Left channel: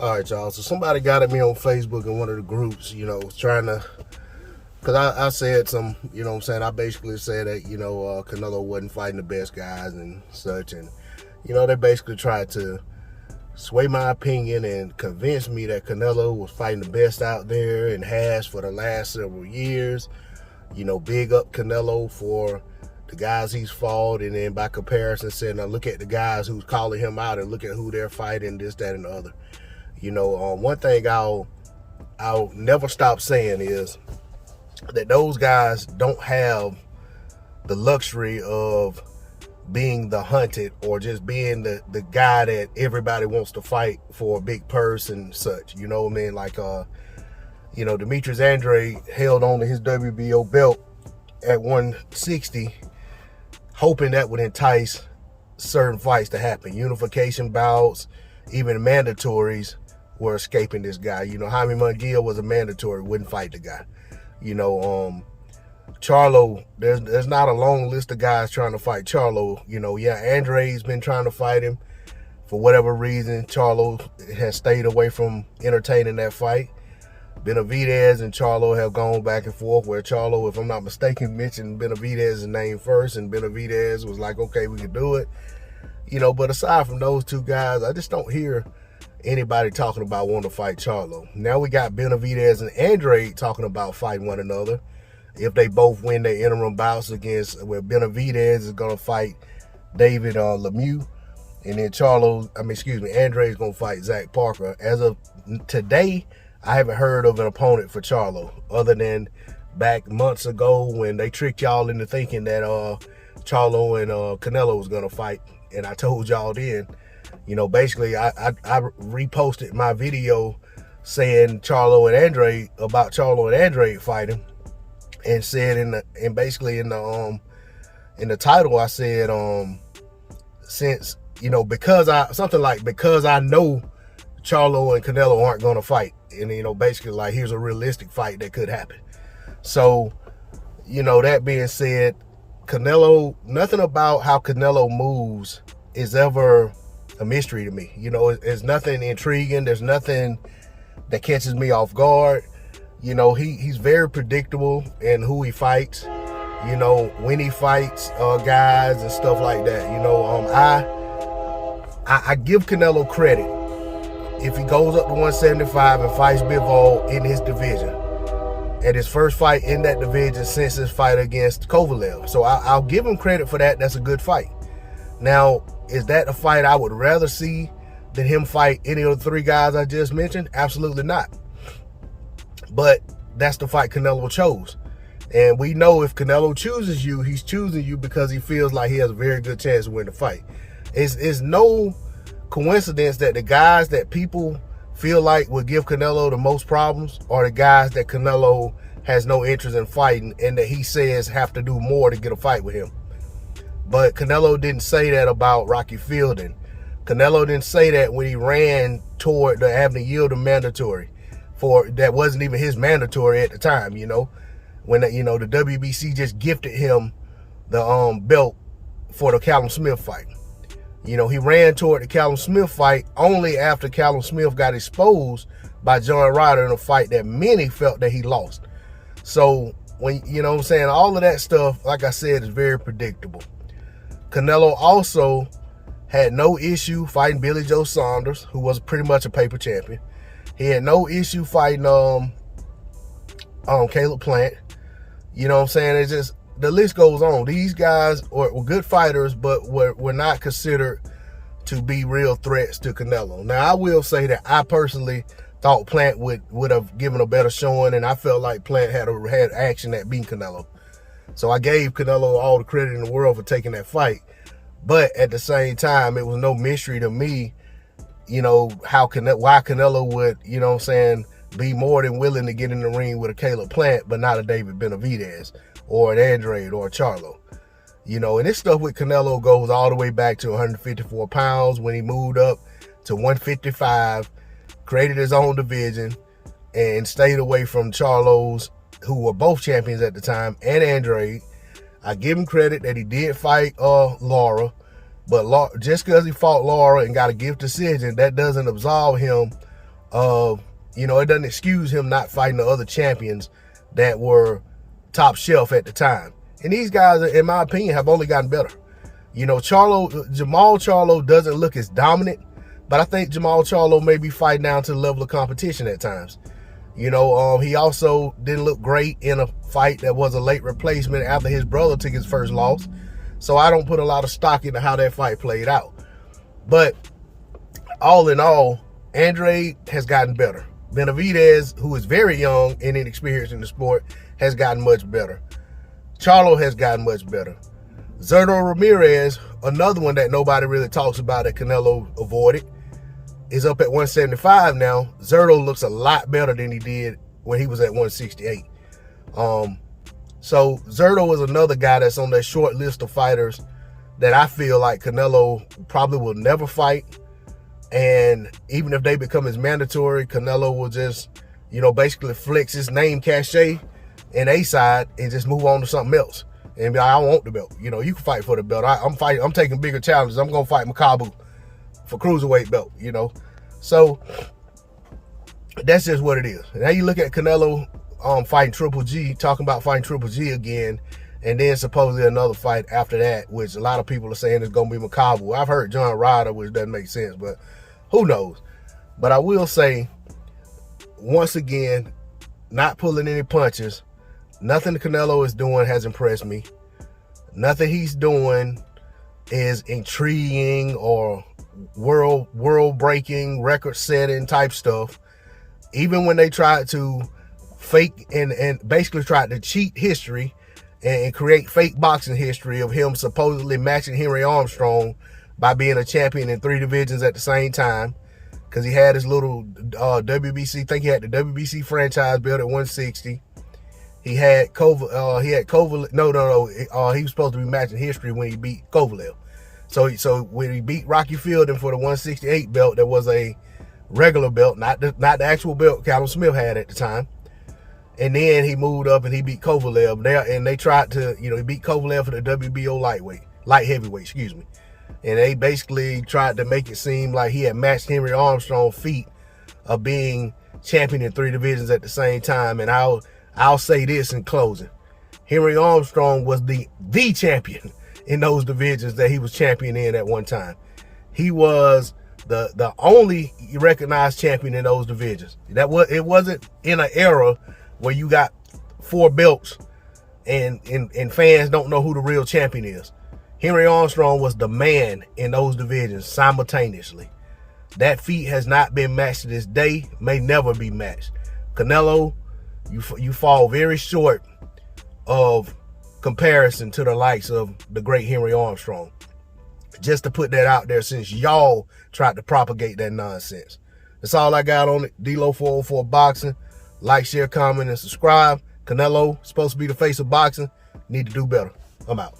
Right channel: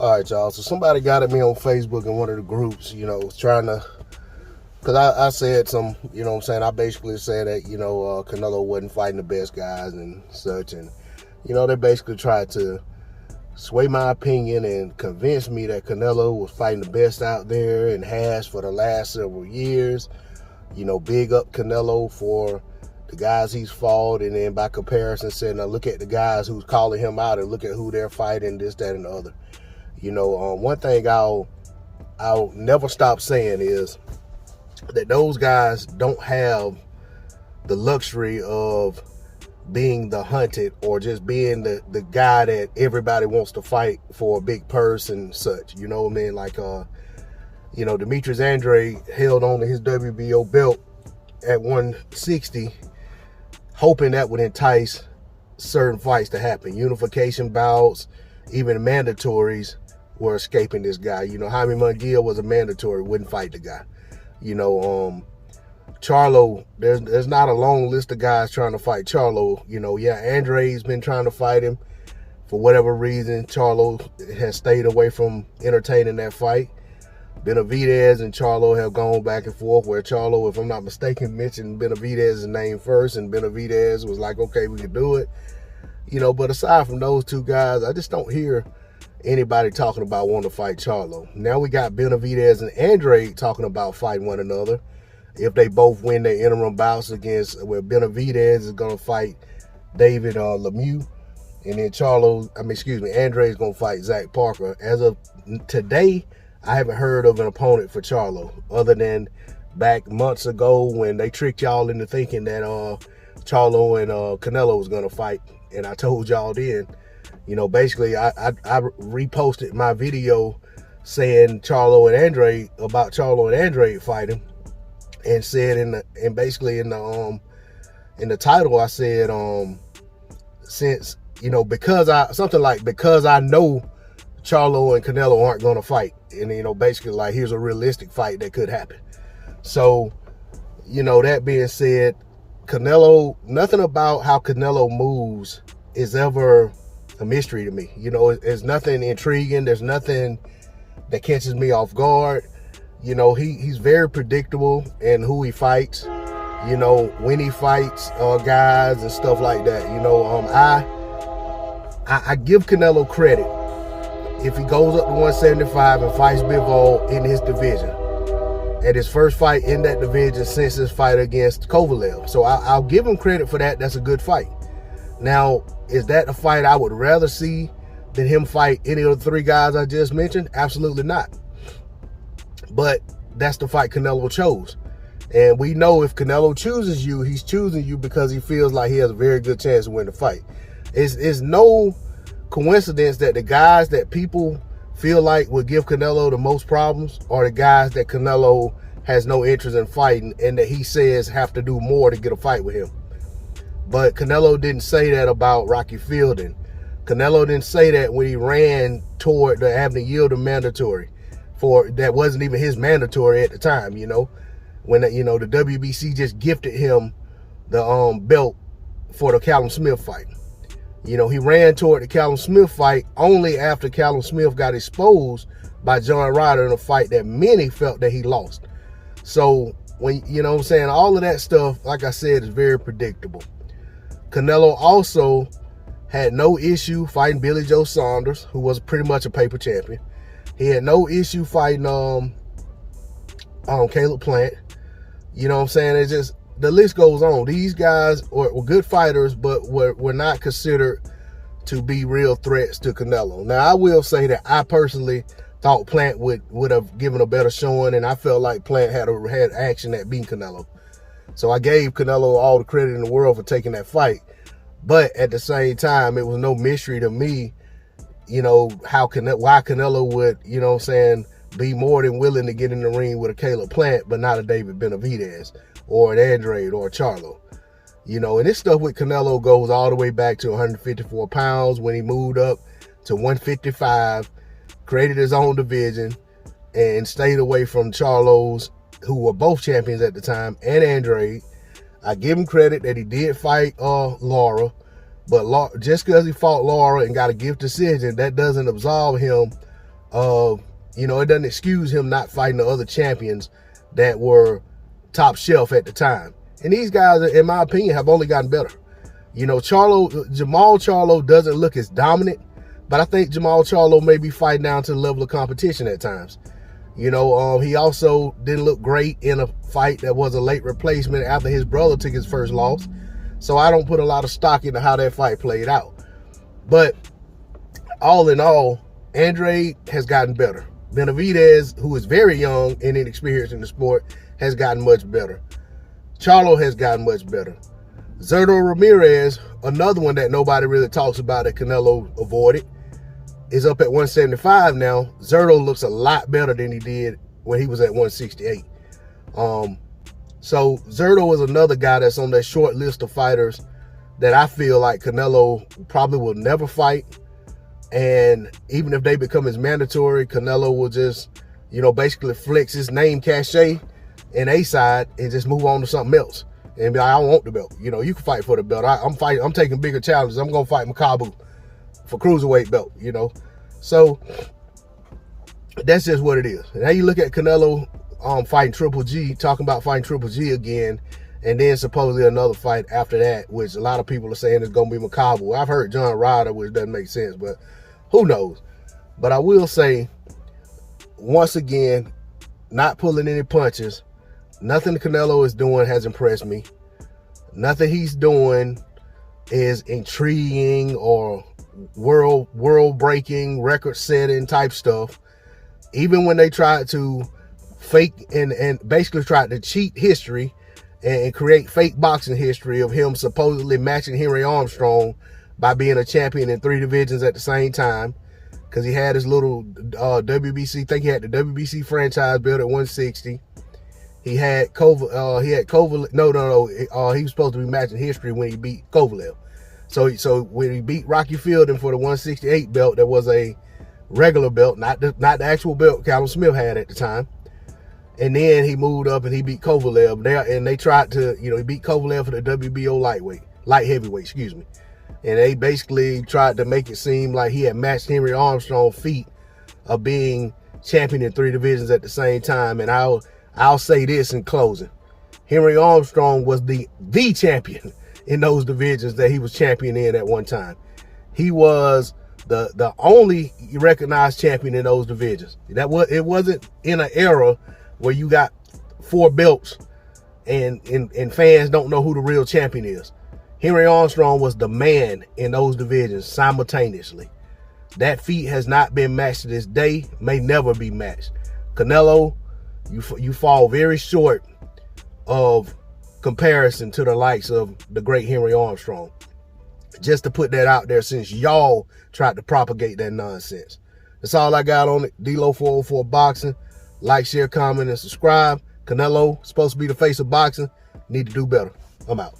All right, y'all. So somebody got at me on Facebook in one of the groups, trying to, because I said some, I basically said that, Canelo wasn't fighting the best guys and such. And, they basically tried to sway my opinion and convince me that Canelo was fighting the best out there and has for the last several years. Big up Canelo for the guys he's fought, and then by comparison said, now look at the guys who's calling him out and look at who they're fighting, this, that, and the other. One thing I'll never stop saying is that those guys don't have the luxury of being the hunted or just being the guy that everybody wants to fight for a big purse and such. You know what I mean? Like, Demetrius Andrade held on to his WBO belt at 160, hoping that would entice certain fights to happen. Unification bouts, even mandatories were escaping this guy. Jaime Munguia was a mandatory, wouldn't fight the guy. Charlo, there's not a long list of guys trying to fight Charlo. Andrade's been trying to fight him. For whatever reason, Charlo has stayed away from entertaining that fight. Benavidez and Charlo have gone back and forth, where Charlo, if I'm not mistaken, mentioned Benavidez's name first, and Benavidez was like, okay, we can do it. But aside from those two guys, I just don't hear anybody talking about wanting to fight Charlo. Now we got Benavidez and Andrade talking about fighting one another. If they both win their interim bouts against, where Benavidez is going to fight David Lemieux, and then Andrade is going to fight Zach Parker. As of today, I haven't heard of an opponent for Charlo, other than back months ago when they tricked y'all into thinking that Charlo and Canelo was going to fight. And I told y'all then, basically I reposted my video saying Charlo and Andrade fighting, and said in the title I said since because I know Charlo and Canelo aren't going to fight, and basically like here's a realistic fight that could happen. So that being said, Canelo, nothing about how Canelo moves is ever a mystery to me. There's nothing intriguing. There's nothing that catches me off guard. He's very predictable in who he fights, when he fights guys and stuff like that. I give Canelo credit if he goes up to 175 and fights Bivol in his division, at his first fight in that division since his fight against Kovalev. So I'll give him credit for that. That's a good fight. Now, is that a fight I would rather see than him fight any of the three guys I just mentioned? Absolutely not. But that's the fight Canelo chose. And we know if Canelo chooses you, he's choosing you because he feels like he has a very good chance to win the fight. It's no coincidence that the guys that people feel like would give Canelo the most problems are the guys that Canelo has no interest in fighting, and that he says have to do more to get a fight with him. But Canelo didn't say that about Rocky Fielding. Canelo didn't say that when he ran toward the Abner Yildirim mandatory. That wasn't even his mandatory at the time, when the WBC just gifted him the belt for the Callum Smith fight. He ran toward the Callum Smith fight only after Callum Smith got exposed by John Ryder in a fight that many felt that he lost. So when all of that stuff, like I said, is very predictable. Canelo also had no issue fighting Billy Joe Saunders, who was pretty much a paper champion. He had no issue fighting Caleb Plant. It's just, the list goes on. These guys were good fighters, but were not considered to be real threats to Canelo. Now, I will say that I personally thought Plant would have given a better showing, and I felt like Plant had action at beating Canelo. So I gave Canelo all the credit in the world for taking that fight. But at the same time, it was no mystery to me, why Canelo would, be more than willing to get in the ring with a Caleb Plant, but not a David Benavidez or an Andrade or a Charlo. And this stuff with Canelo goes all the way back to 154 pounds when he moved up to 155, created his own division, and stayed away from Charlos, who were both champions at the time, and Andrade. I give him credit that he did fight Lara, but just because he fought Lara and got a gift decision, that doesn't absolve him You know, it doesn't excuse him not fighting the other champions that were top shelf at the time. And these guys, in my opinion, have only gotten better. You know, Jamal Charlo doesn't look as dominant, but I think Jamal Charlo may be fighting down to the level of competition at times. You know, he also didn't look great in a fight that was a late replacement after his brother took his first loss. So I don't put a lot of stock into how that fight played out. But all in all, Andrade has gotten better. Benavidez, who is very young and inexperienced in the sport, has gotten much better. Charlo has gotten much better. Zurdo Ramirez, another one that nobody really talks about that Canelo avoided, is up at 175 now. Zurdo looks a lot better than he did when he was at 168. So Zurdo is another guy that's on that short list of fighters that I feel like Canelo probably will never fight. And even if they become as mandatory, Canelo will just, you know, basically flex his name cachet in A side and just move on to something else. And be like, I don't want the belt. You know, you can fight for the belt. I'm taking bigger challenges. I'm gonna fight Makabu for cruiserweight belt, you know. So that's just what it is. And now you look at Canelo fighting Triple G, talking about fighting Triple G again, and then supposedly another fight after that, which a lot of people are saying is gonna be Makabu. I've heard John Ryder, which doesn't make sense, but who knows? But I will say, once again, not pulling any punches. Nothing Canelo is doing has impressed me. Nothing he's doing is intriguing or world-breaking, record-setting type stuff. Even when they tried to fake and basically tried to cheat history and create fake boxing history of him supposedly matching Henry Armstrong by being a champion in 3 divisions at the same time, because he had his little WBC, I think he had the WBC franchise belt at 160. He had Kovalev. He was supposed to be matching history when he beat Kovalev. So when he beat Rocky Fielding for the 168 belt, that was a regular belt, not the actual belt Callum Smith had at the time. And then he moved up and he beat Kovalev. They tried to, you know, he beat Kovalev for the WBO light heavyweight, excuse me. And they basically tried to make it seem like he had matched Henry Armstrong's feat of being champion in 3 divisions at the same time. And I'll say this in closing. Henry Armstrong was the champion in those divisions that he was champion in at one time. He was the only recognized champion in those divisions. It wasn't in an era where you got 4 belts and fans don't know who the real champion is. Henry Armstrong was the man in those divisions simultaneously. That feat has not been matched to this day, may never be matched. Canelo, you fall very short of comparison to the likes of the great Henry Armstrong. Just to put that out there, since y'all tried to propagate that nonsense. That's all I got on it. D-Lo 404 Boxing. Like, share, comment, and subscribe. Canelo, supposed to be the face of boxing. Need to do better. I'm out.